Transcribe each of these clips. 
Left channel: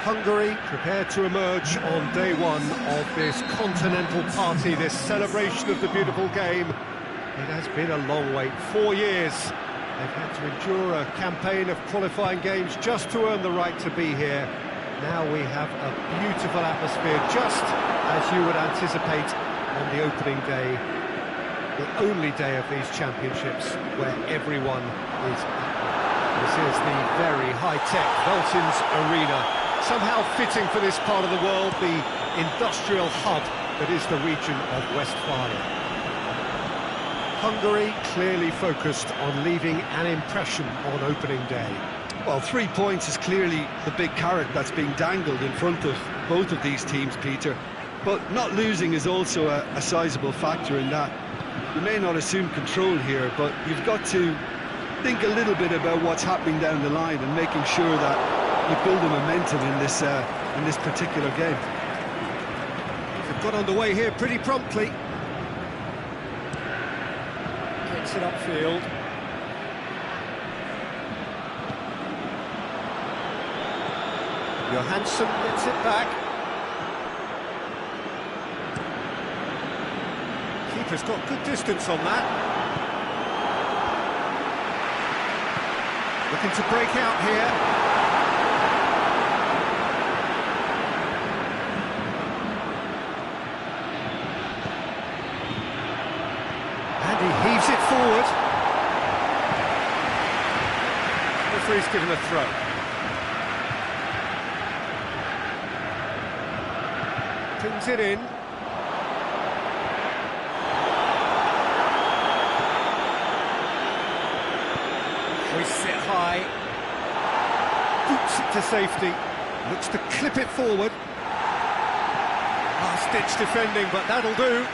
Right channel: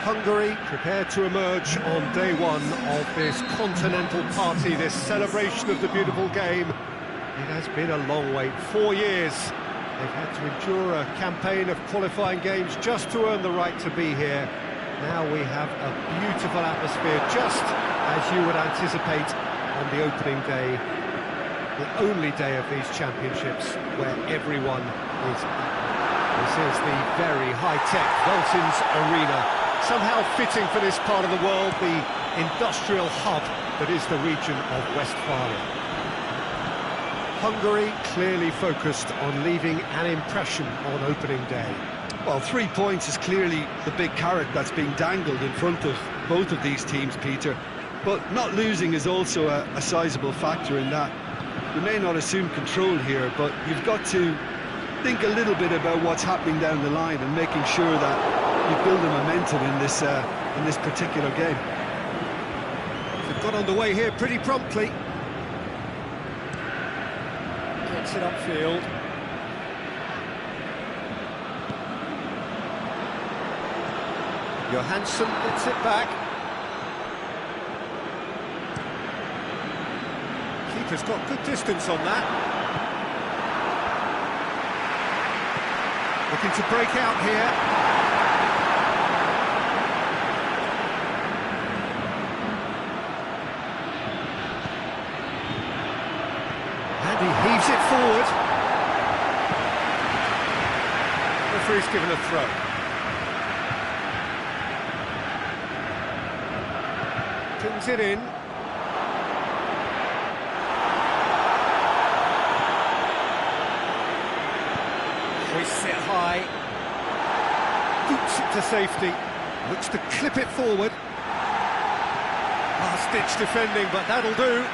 Hungary prepare to emerge on day one of this continental party, this celebration of the beautiful game. It has been a long wait, 4 years. They've had to endure a campaign of qualifying games just to earn the right to be here. Now we have a beautiful atmosphere, just as you would anticipate on the opening day. The only day of these championships where everyone is equal. This is the very high-tech Veltins Arena. Somehow fitting for this part of the world, the industrial hub that is the region of Westphalia. Hungary clearly focused on leaving an impression on opening day. Well, 3 points is clearly the big carrot that's being dangled in front of both of these teams, Peter. But not losing is also a sizable factor in that. You may not assume control here, but you've got to think a little bit about what's happening down the line and making sure that you build a momentum in this particular game. They've got underway here pretty promptly. Gets it upfield. Johansson gets it back. Keeper's got good distance on that. Looking to break out here. And he heaves it forward. Referee's given a throw. Pins it in. Hoists it high. Boots it to safety. Looks to clip it forward. Last-ditch defending, but that'll do.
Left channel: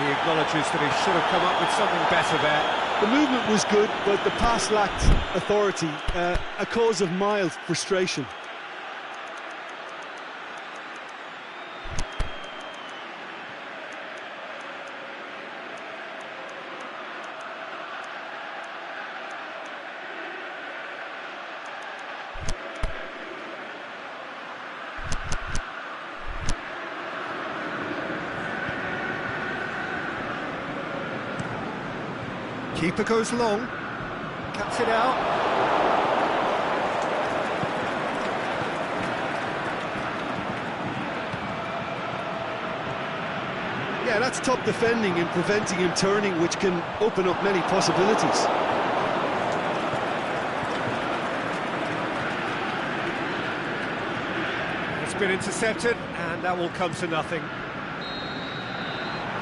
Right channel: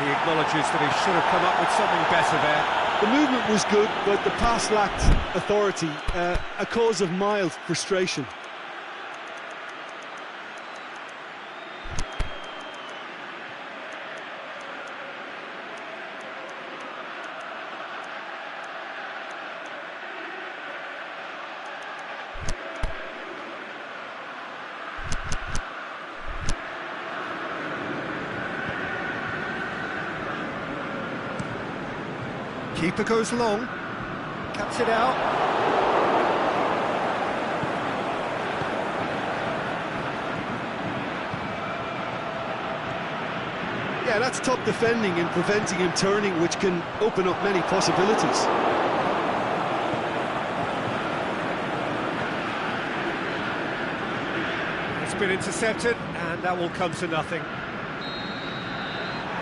He acknowledges that he should have come up with something better there. The movement was good, but the pass lacked authority, a cause of mild frustration. Keeper goes long, cuts it out. Yeah, that's top defending and preventing him turning, which can open up many possibilities. It's been intercepted, and that will come to nothing.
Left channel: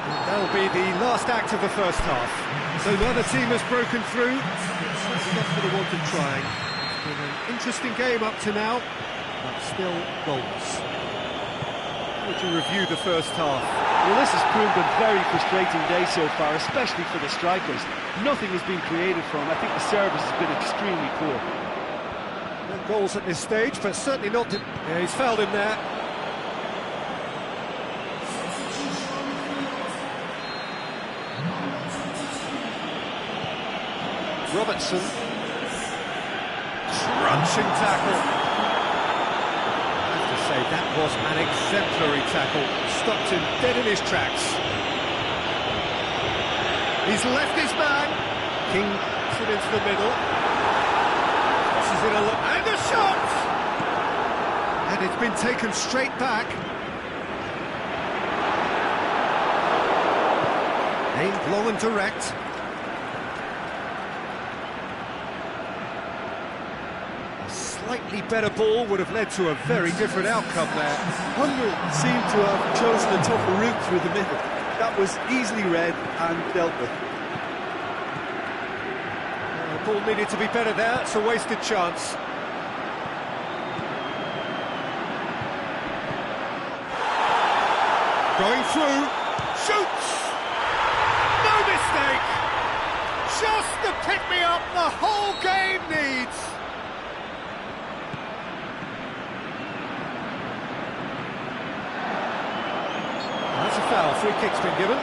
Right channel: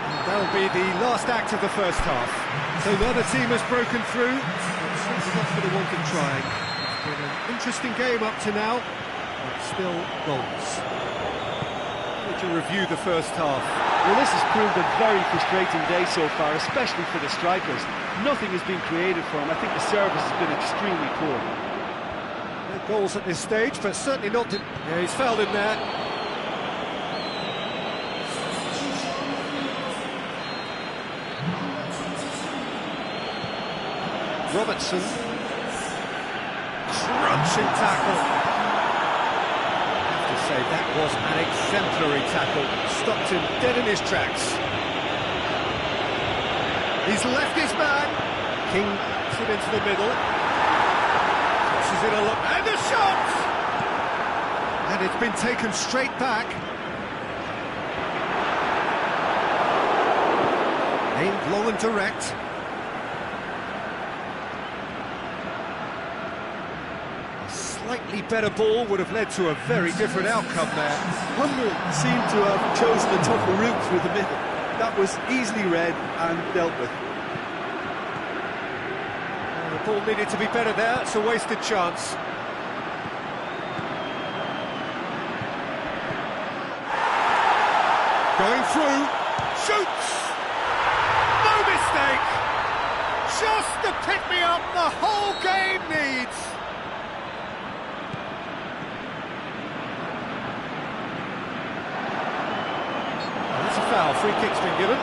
And that'll be the last act of the first half. So neither team has broken through, but certainly not for the want of trying. It's been an interesting game up to now, but still goals. How would you review the first half? Well, this has proved a very frustrating day so far, especially for the strikers. Nothing has been created for them. I think the service has been extremely poor. No goals at this stage, but certainly not... Yeah, he's fouled him there. Robertson, crunching tackle. I have to say, that was an exemplary tackle. Stopped him dead in his tracks. He's left his man. King puts it into the middle. Crosses it a look, and a shot! And it's been taken straight back. Aimed long and direct. Slightly better ball would have led to a very different outcome there. Hungary seemed to have chosen a tougher route through the middle. That was easily read and dealt with. The ball needed to be better there. It's a wasted chance. Going through. Shoots! No mistake! Just the pick-me-up the whole game needs. That's a foul. Free kick's been given.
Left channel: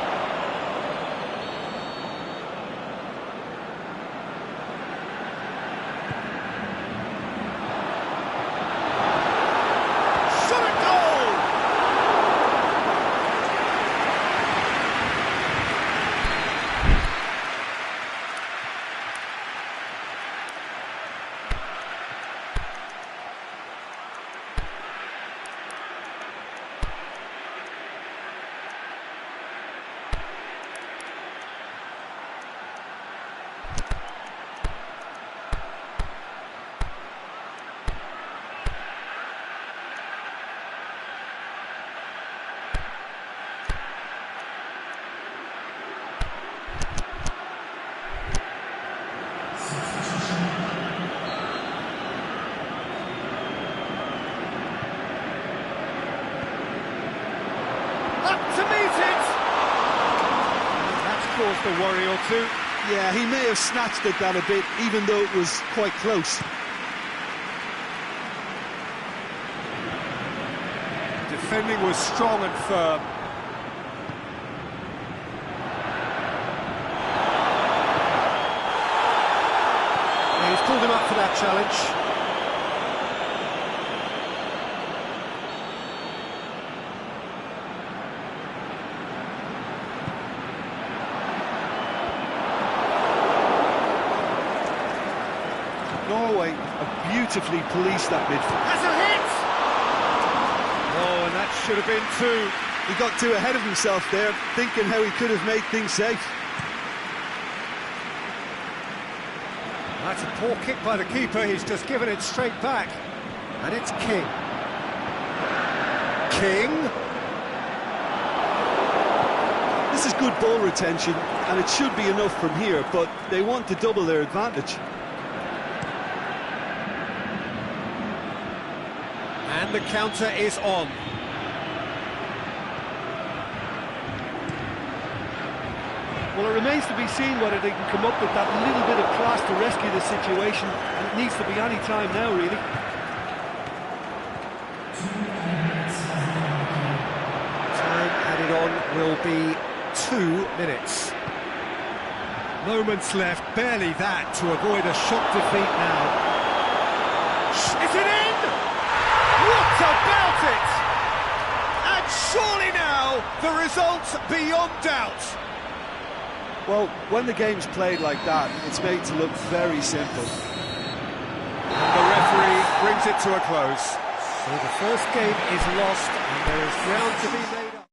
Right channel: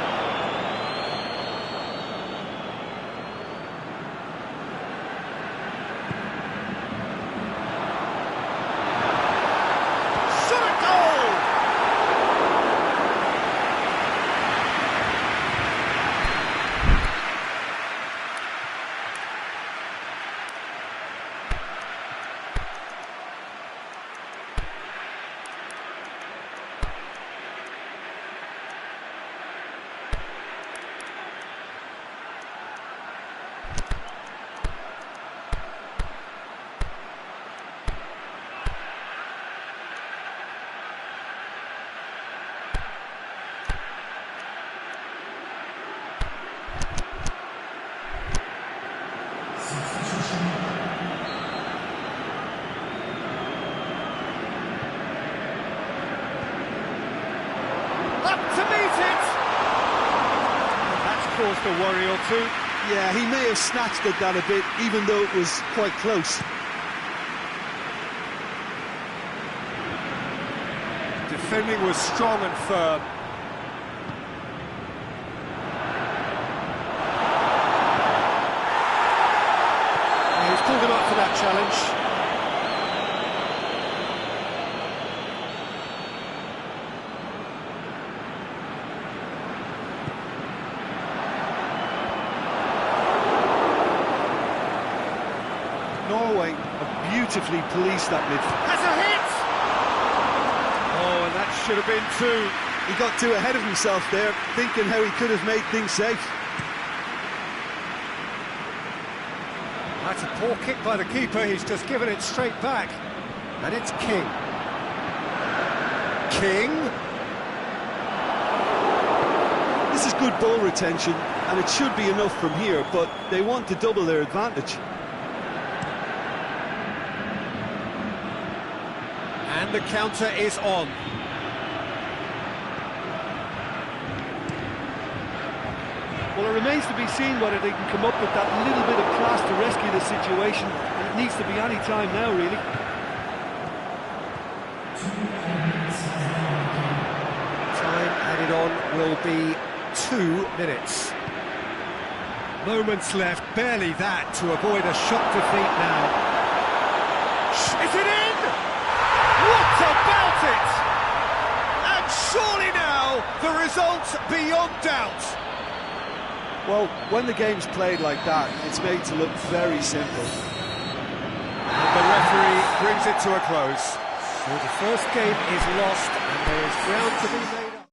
Up to meet it! And that's caused a worry or two. Yeah, he may have snatched at that a bit, even though it was quite close. Defending was strong and firm. Yeah, he's pulled him up for that challenge. Norway have beautifully policed that midfield. Has a hit! Oh, and that should have been two. He got too ahead of himself there, thinking how he could have made things safe. That's a poor kick by the keeper, he's just given it straight back. And it's King. King? This is good ball retention, and it should be enough from here, but they want to double their advantage. And the counter is on. Well, it remains to be seen whether they can come up with that little bit of class to rescue the situation, and it needs to be any time now, really. Time added on will be 2 minutes. Moments left, barely that, to avoid a shock defeat now. Is it in? What about it? And surely now, the result's beyond doubt. Well, when the game's played like that, it's made to look very simple. And the referee brings it to a close. So the first game is lost, and there is ground to be made up.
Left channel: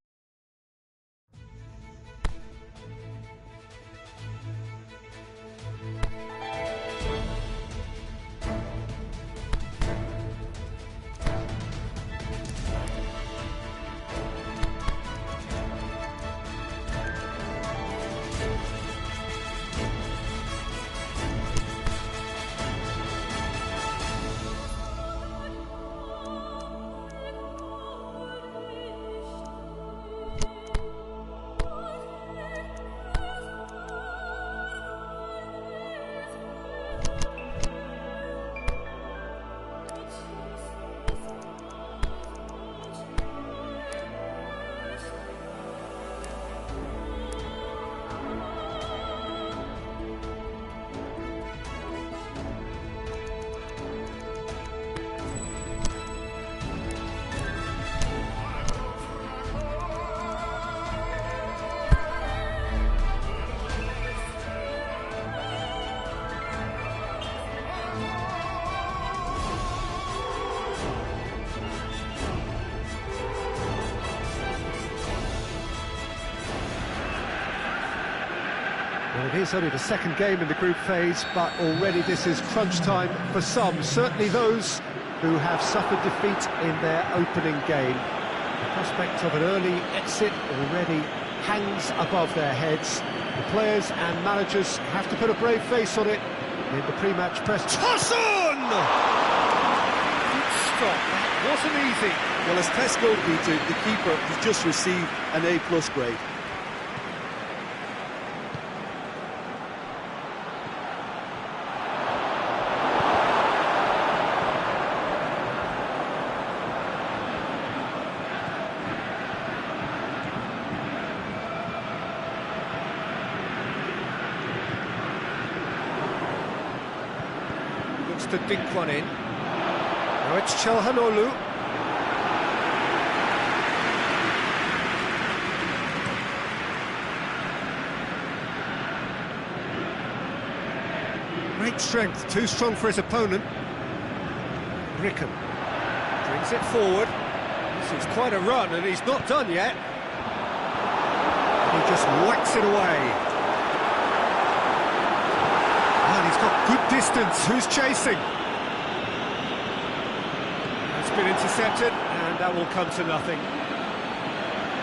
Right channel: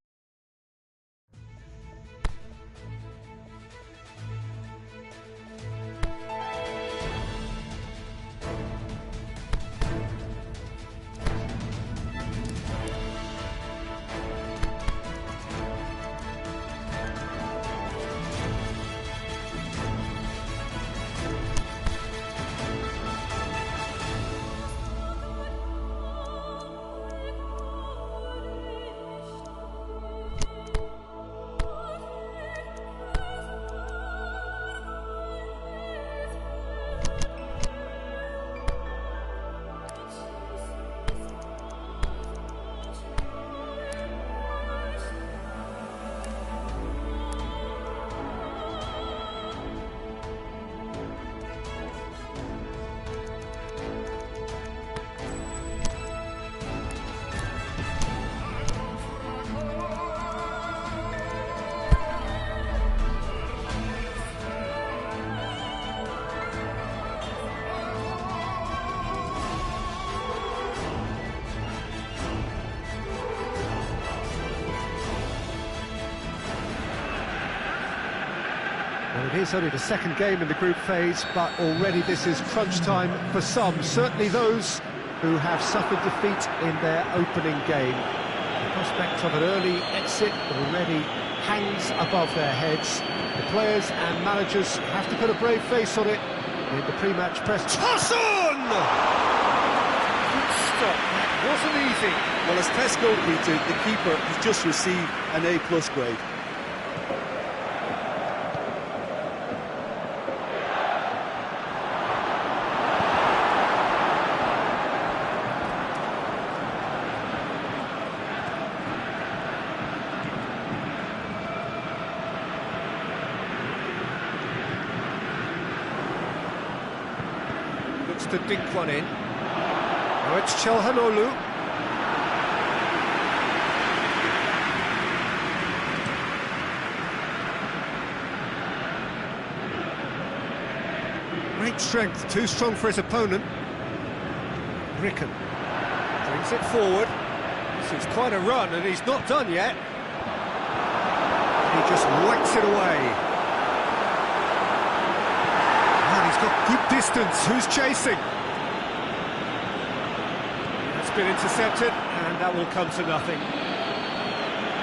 Well, it is only the second game in the group phase, but already this is crunch time for some, certainly those who have suffered defeat in their opening game. The prospect of an early exit already hangs above their heads. The players and managers have to put a brave face on it in the pre-match press. Toss on! Good stop, that wasn't easy. Well, as tests go, Peter, the keeper has just received an A+ grade. Looks to dink one in. Now it's Chelhanoglu. Great strength, too strong for his opponent. Ricken brings it forward. This is quite a run, and he's not done yet. He just whacks it away. And he's got good distance. Who's chasing? That's been intercepted, and that will come to nothing.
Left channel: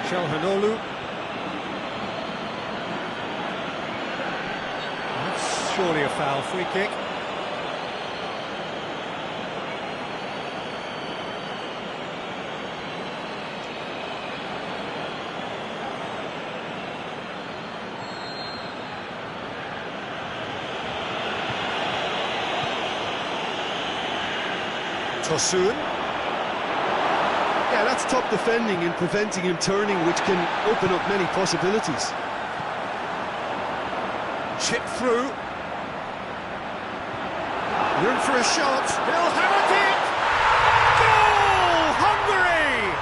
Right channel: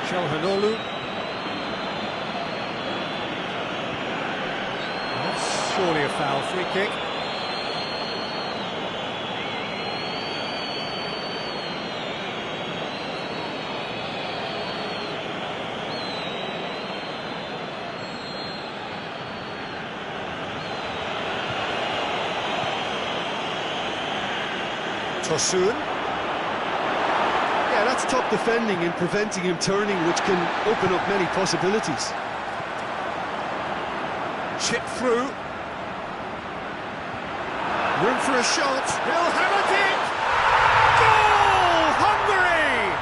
Chelhanoglu. That's surely a foul. Free kick. Tosun. Yeah, that's top defending and preventing him turning, which can open up many possibilities. Chip through. Room for a shot. He'll hammer it! Goal! Hungary!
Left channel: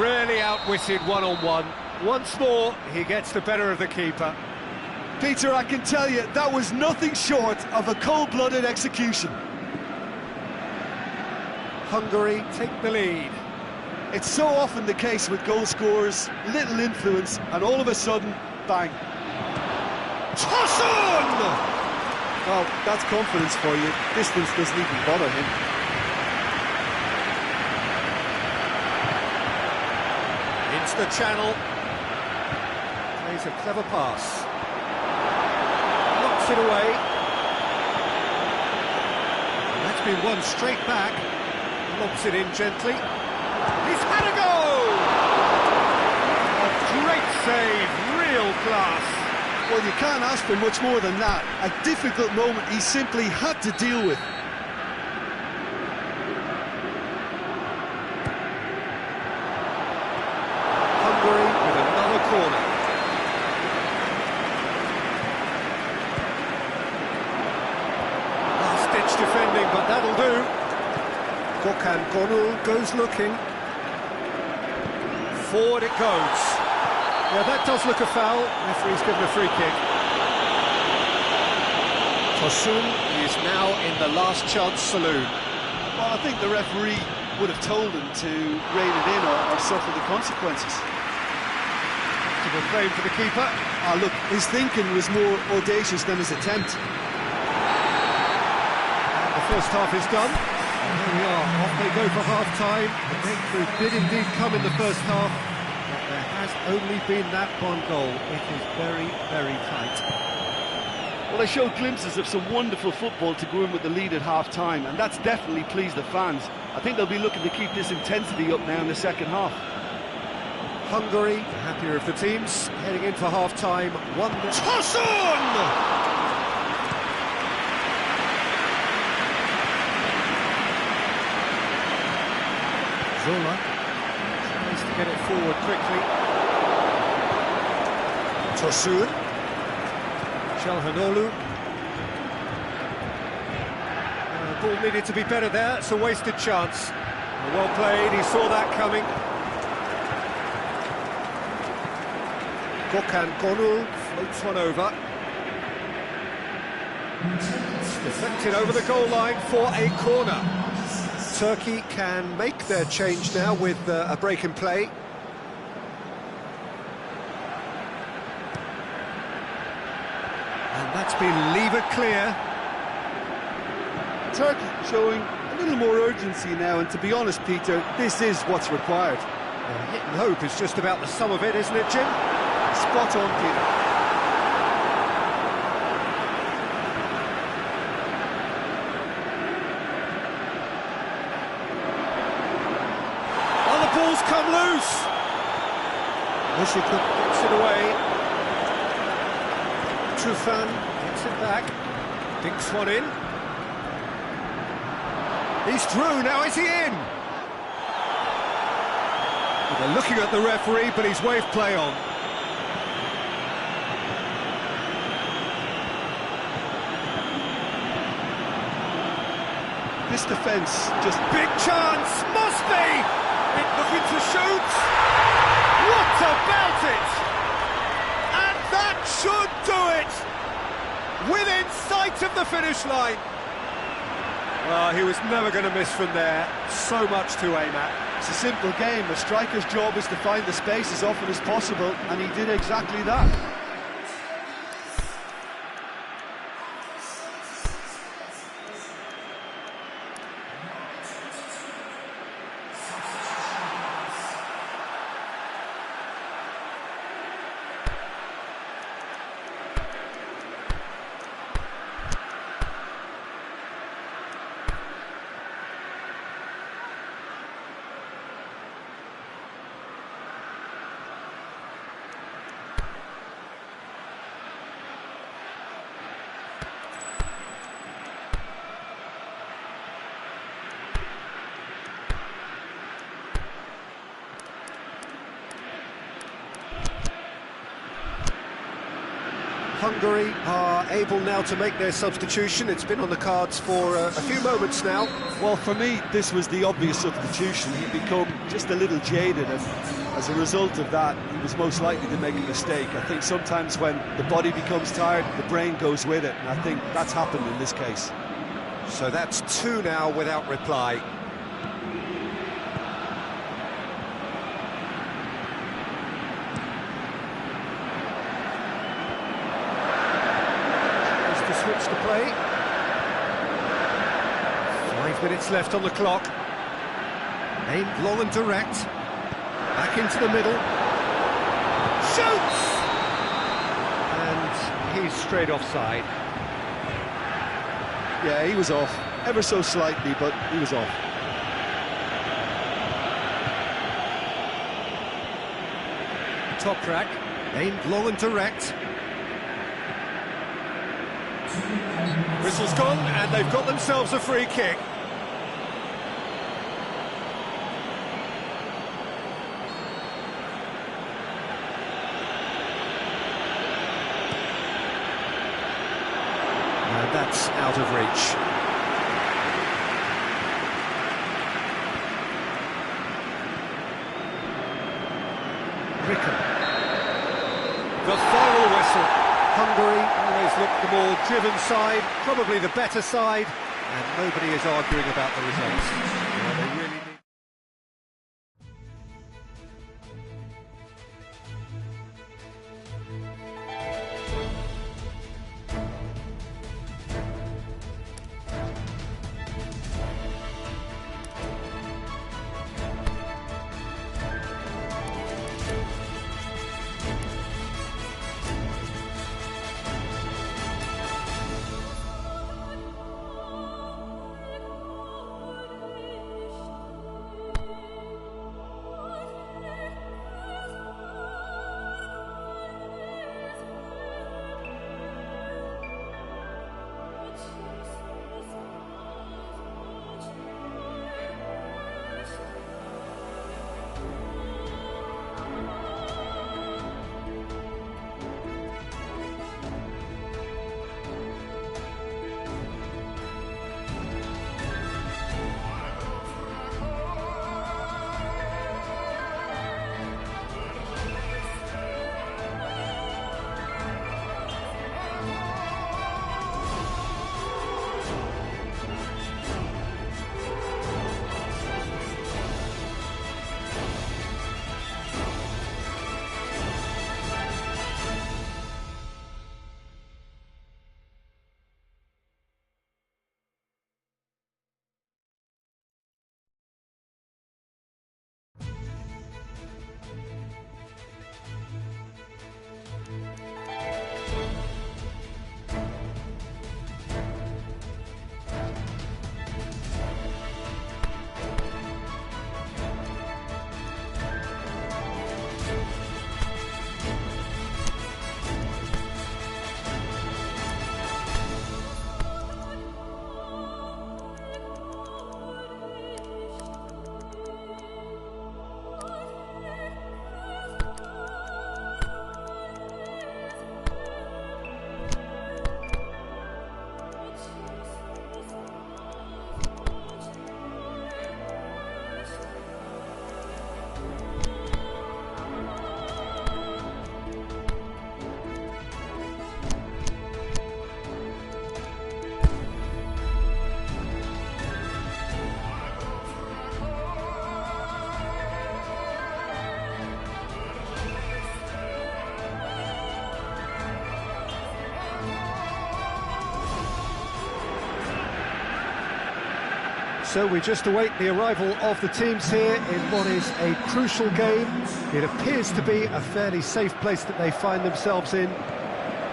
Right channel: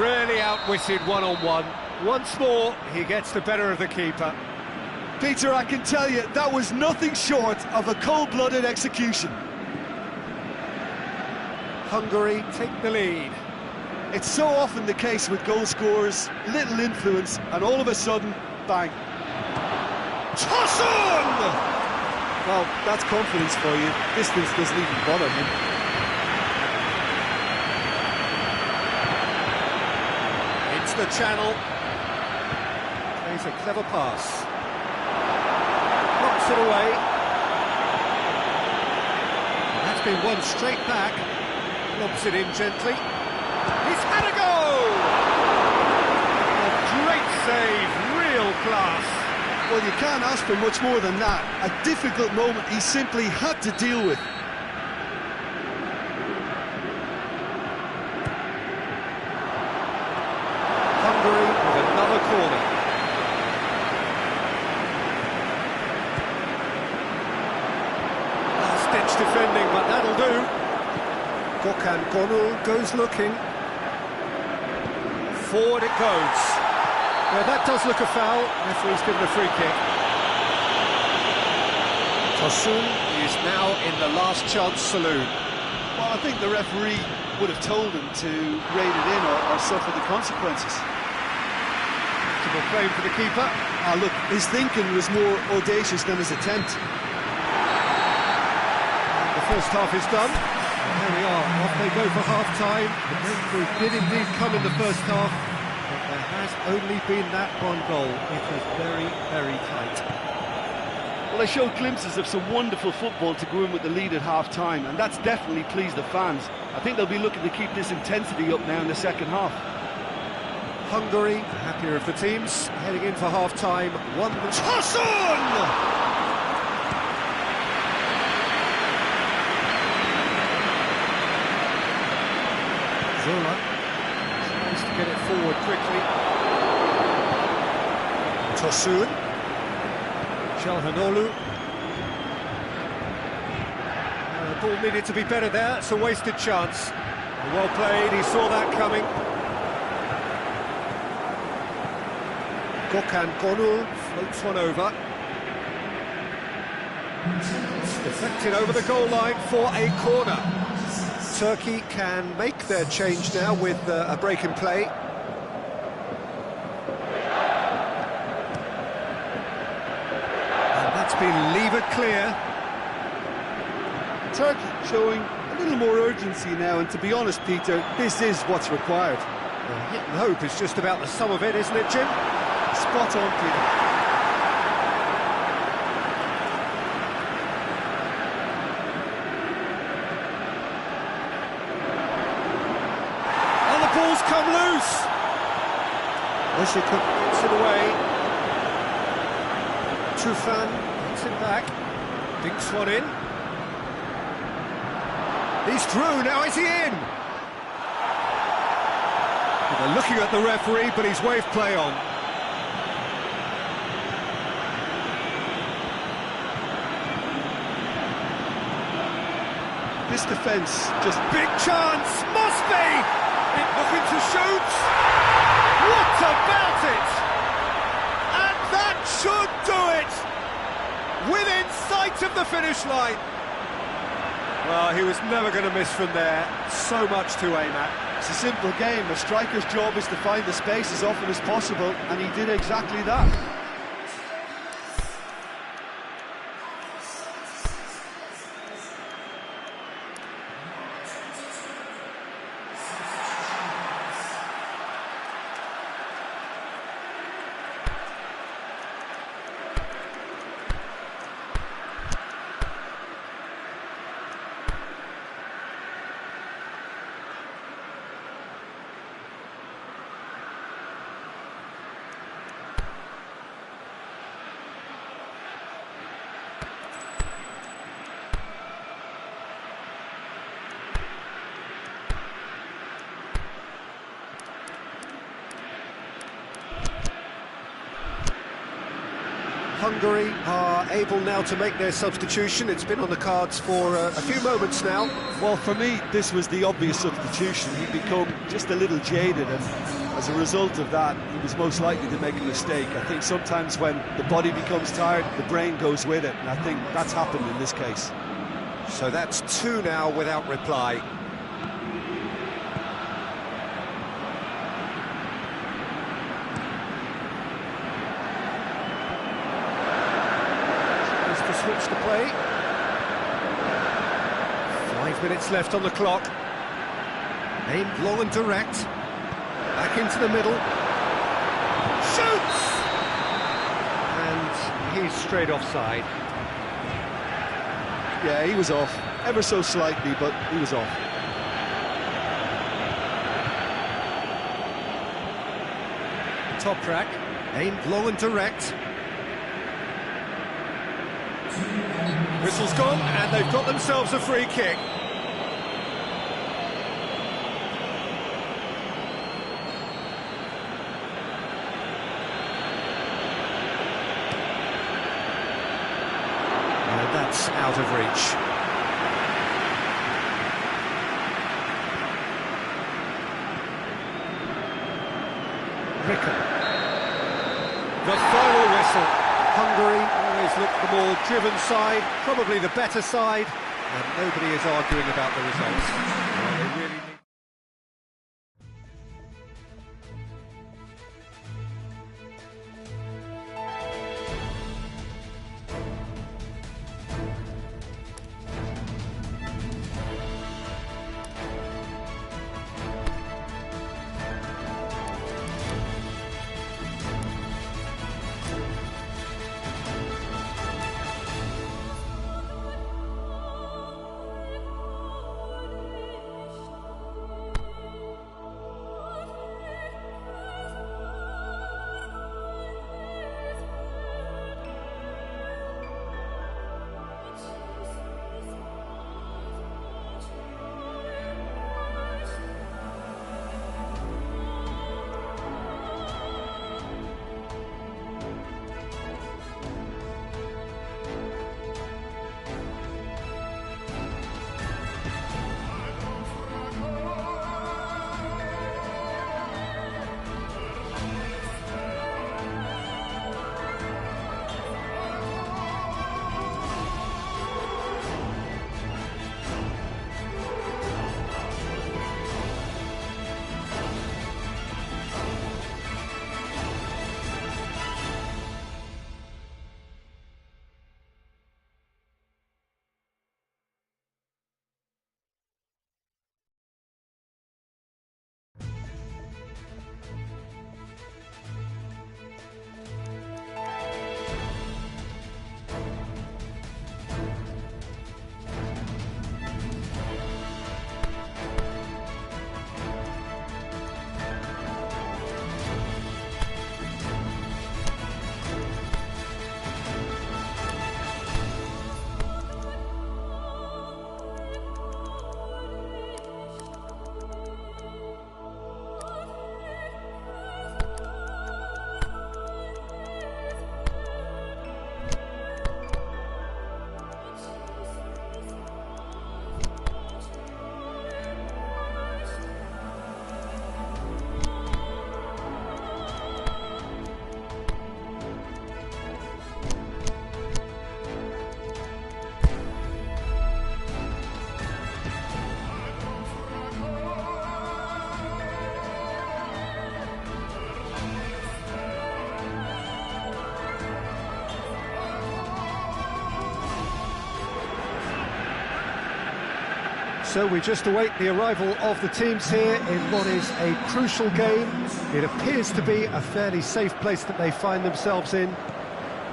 Really outwitted one-on-one. Once more, he gets the better of the keeper. Peter, I can tell you, that was nothing short of a cold-blooded execution. Hungary take the lead. It's so often the case with goal scorers, little influence, and all of a sudden, bang. Tosun! Well, that's confidence for you. Distance doesn't even bother him. Into the channel. Plays a clever pass. Knocks it away. And that's been won straight back. Lobs it in gently. He's had a go! A great save, real class. Well, you can't ask for much more than that. A difficult moment he simply had to deal with. Hungary with another corner. Last-ditch defending, but that'll do. Gökhan Gönül goes looking. Forward it goes. Yeah, that does look a foul. Referee's given a free kick. Tosun is now in the last chance saloon. Well, I think the referee would have told him to rein it in or suffer the consequences. Comfortable claim for the keeper. Ah, look, his thinking was more audacious than his attempt. And the first half is done. And here we are, off they go for half-time. The breakthrough did indeed come in the first half, but there has only been that one goal. It is very, very tight. Well, they showed glimpses of some wonderful football to go in with the lead at half-time, and that's definitely pleased the fans. I think they'll be looking to keep this intensity up now in the second half. Hungary, the happier of the teams, heading in for half-time. Tosun! Zola tries to get it forward quickly. Tosun. Çalhanoğlu. Ball needed to be better there, it's a wasted chance. Well played, he saw that coming. Gökhan Gönül floats one over. Deflected over the goal line for a corner. Turkey can make their change now with a break in play. And that's been levered clear. Turkey showing a little more urgency now, and to be honest, Peter, this is what's required. Well, hit and hope is just about the sum of it, isn't it, Jim? Spot on, Peter. Oh, the ball's come loose! Wishicook gets it away. Trufan gets it back. Dinks one in. He's through, now is he in? Well, they're looking at the referee, but he's waved play on. This defence just... Big chance! Must be! It looking to shoot! What about it? And that should do it! Within sight of the finish line. Well, he was never going to miss from there. So much to aim at. It's a simple game. A striker's job is to find the space as often as possible, and he did exactly that. Hungary are able now to make their substitution. It's been on the cards for a few moments now. Well, for me, this was the obvious substitution. He'd become just a little jaded, and as a result of that, he was most likely to make a mistake. I think sometimes when the body becomes tired, the brain goes with it, and I think that's happened in this case. So that's two now without reply. To switch the play. 5 minutes left on the clock. Aimed long and direct. Back into the middle. Shoots! And he's straight offside. Yeah, he was off. Ever so slightly, but he was off. Top rack. Aimed long and direct. Whistle's gone, and they've got themselves a free kick. And that's out of reach. Ricken. The final whistle. Hungary always look the more driven side, probably the better side, and nobody is arguing about the results. Well, they really need... So we just await the arrival of the teams here in what is a crucial game. It appears to be a fairly safe place that they find themselves in.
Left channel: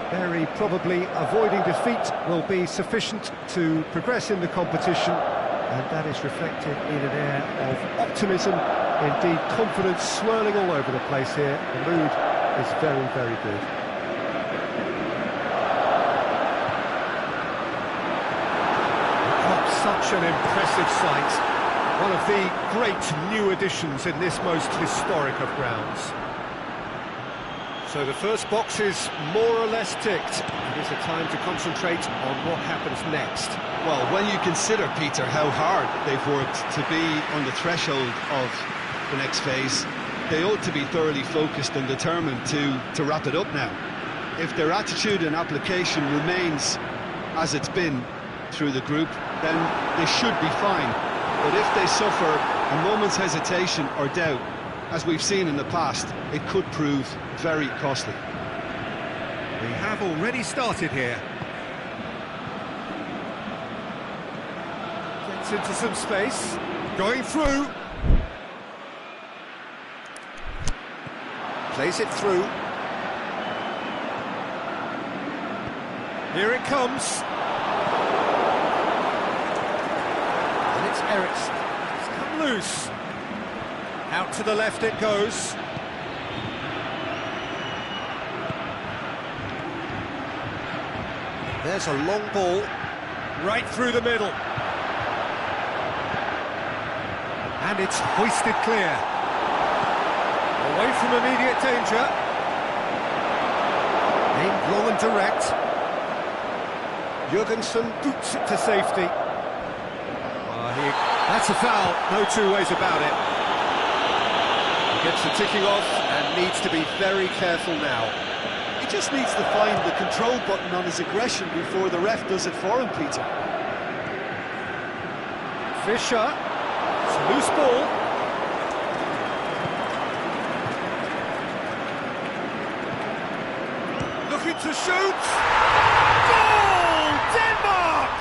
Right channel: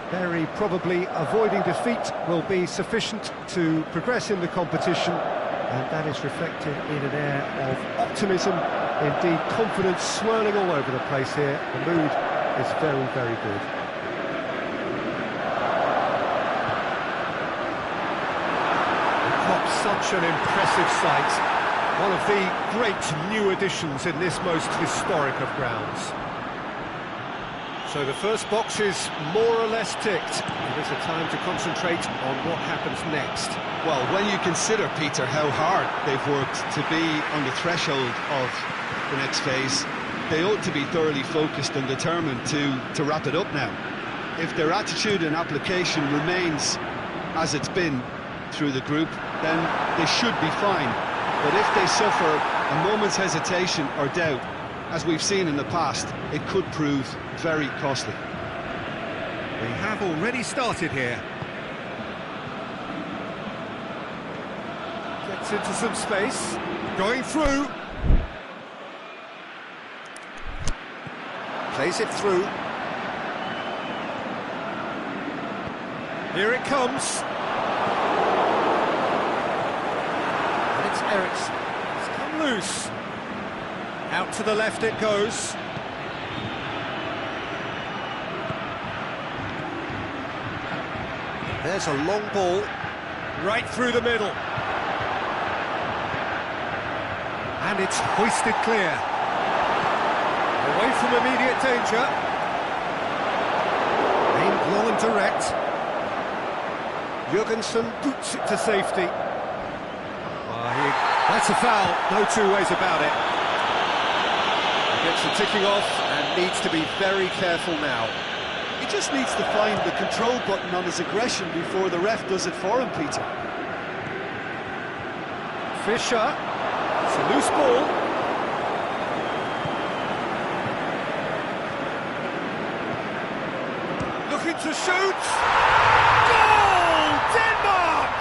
Very probably avoiding defeat will be sufficient to progress in the competition, and that is reflected in an air of optimism, indeed confidence swirling all over the place here. The mood is very, very good. Such an impressive sight. One of the great new additions in this most historic of grounds. So the first box is more or less ticked. It is a time to concentrate on what happens next. Well, when you consider, Peter, how hard they've worked to be on the threshold of the next phase, they ought to be thoroughly focused and determined to wrap it up now. If their attitude and application remains as it's been through the group, then they should be fine. But if they suffer a moment's hesitation or doubt, as we've seen in the past, it could prove very costly. We have already started here. Gets into some space, going through. Plays it through. Here it comes. And it's Eriksson. It's come loose. Out to the left it goes. There's a long ball. Right through the middle. And it's hoisted clear. Away from immediate danger. Aimed long and direct. Jurgensen boots it to safety. That's a foul, no two ways about it. He gets the ticking off and needs to be very careful now. He just needs to find the control button on his aggression before the ref does it for him, Peter. Fischer, it's a loose ball. Looking to shoot! Goal! Denmark!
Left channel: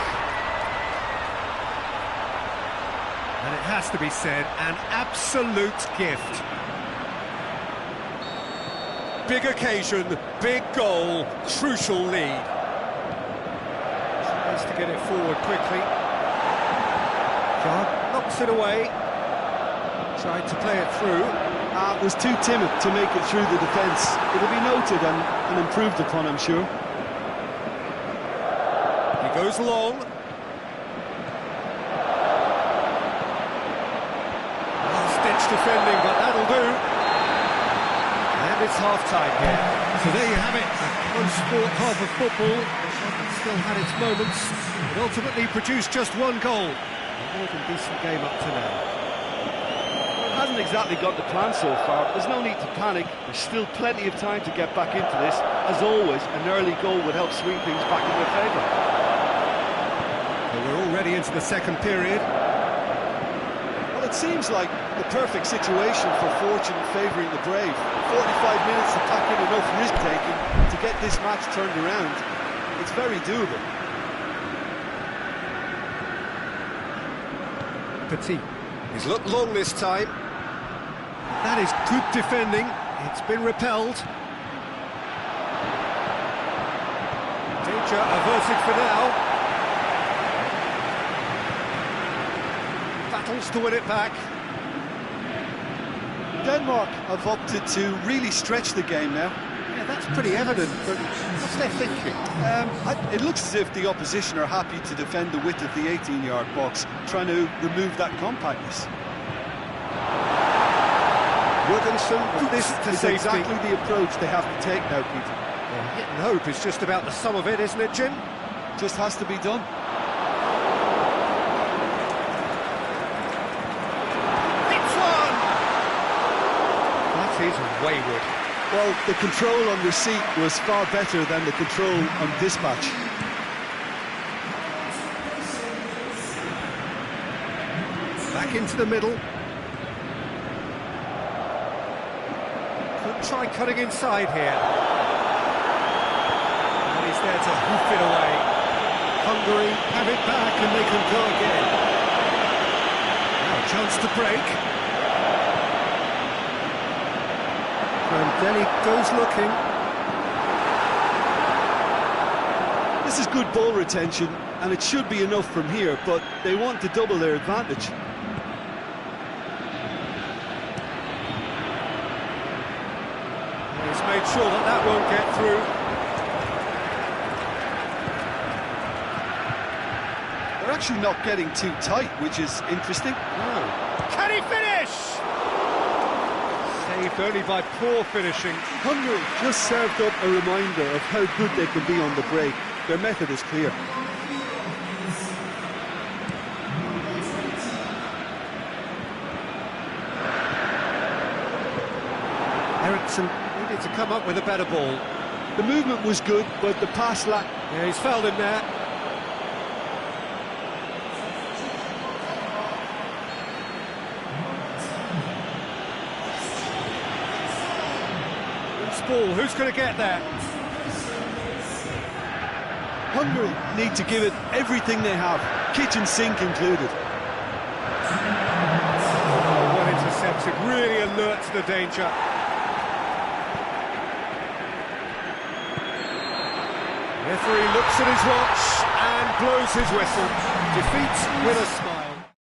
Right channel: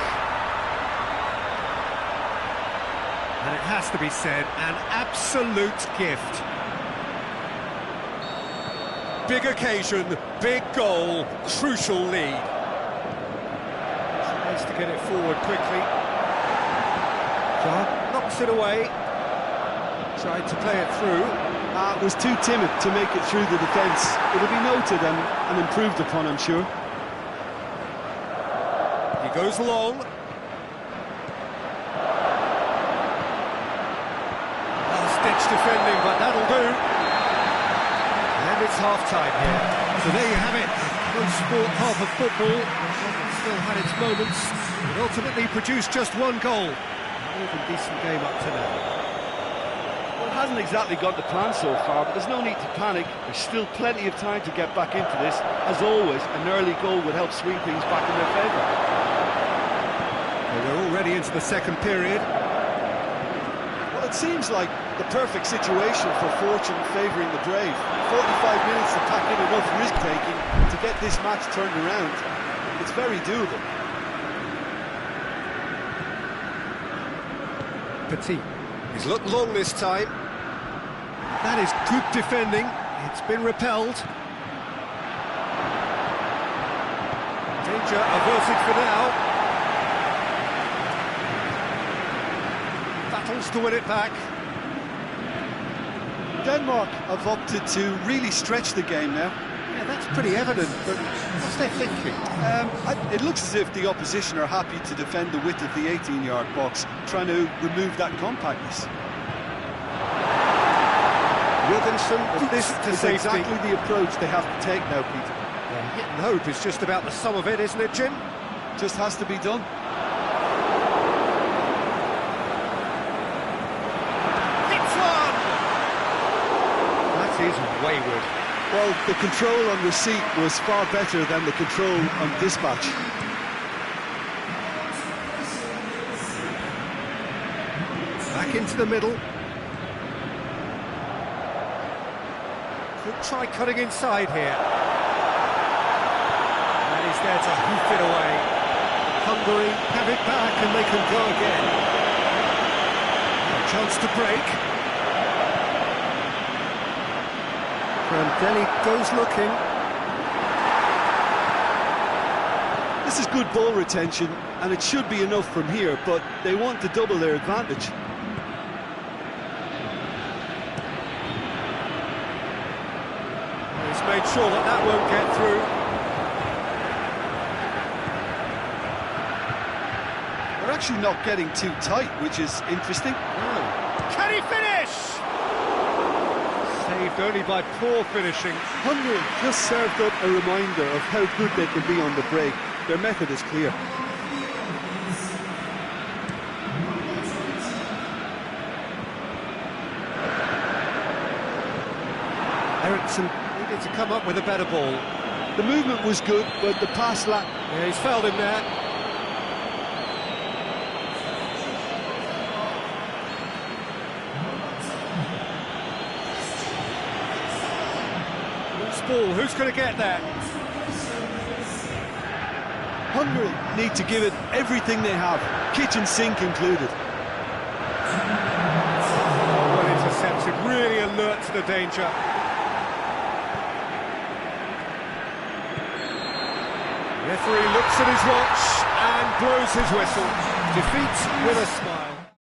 And it has to be said, an absolute gift. Big occasion, big goal, crucial lead. Tries to get it forward quickly. John knocks it away. Tried to play it through. Was too timid to make it through the defence. It'll be noted and improved upon, I'm sure. He goes long. Last-ditch defending, but that'll do. And it's half-time here. So there you have it, a close-sport half of football, but one that still had its moments, but ultimately produced just one goal. A more than decent game up to now. Well, it hasn't exactly gone to plan so far, but there's no need to panic. There's still plenty of time to get back into this. As always, an early goal would help swing things back in their favour. Well, we're already into the second period. Well, it seems like the perfect situation for fortune favouring the brave. 45 minutes to pack in enough risk-taking to get this match turned around. It's very doable. Petit. He's looked long this time. That is good defending. It's been repelled. Danger averted for now. Battles to win it back. Denmark have opted to really stretch the game now. Yeah, that's pretty evident, but what's their thinking? It looks as if the opposition are happy to defend the width of the 18-yard box, trying to remove that compactness. Jurgensen, this is exactly the approach they have to take now, Peter. Yeah, hit and hope is just about the sum of it, isn't it, Jim? Just has to be done. That is wayward. Well, the control on receipt was far better than the control on dispatch. Back into the middle. Could try cutting inside here. And he's there to hoof it away. Hungary have it back and they can go again. Now a chance to break. Deli goes looking. This is good ball retention, and it should be enough from here, but they want to double their advantage. He's made sure that that won't get through. They're actually not getting too tight, which is interesting. No. Can he finish? saved only by poor finishing. Hungary just served up a reminder of how good they can be on the break. Their method is clear. Eriksson needed to come up with a better ball. The movement was good, but the pass lacked. Yeah, he's fouled him there. Loose ball, who's going to get there? Hungary need to give it everything they have, kitchen sink included. Oh, well intercepted, really alert to the danger. Referee looks at his watch and blows his whistle. Defeat with a smile.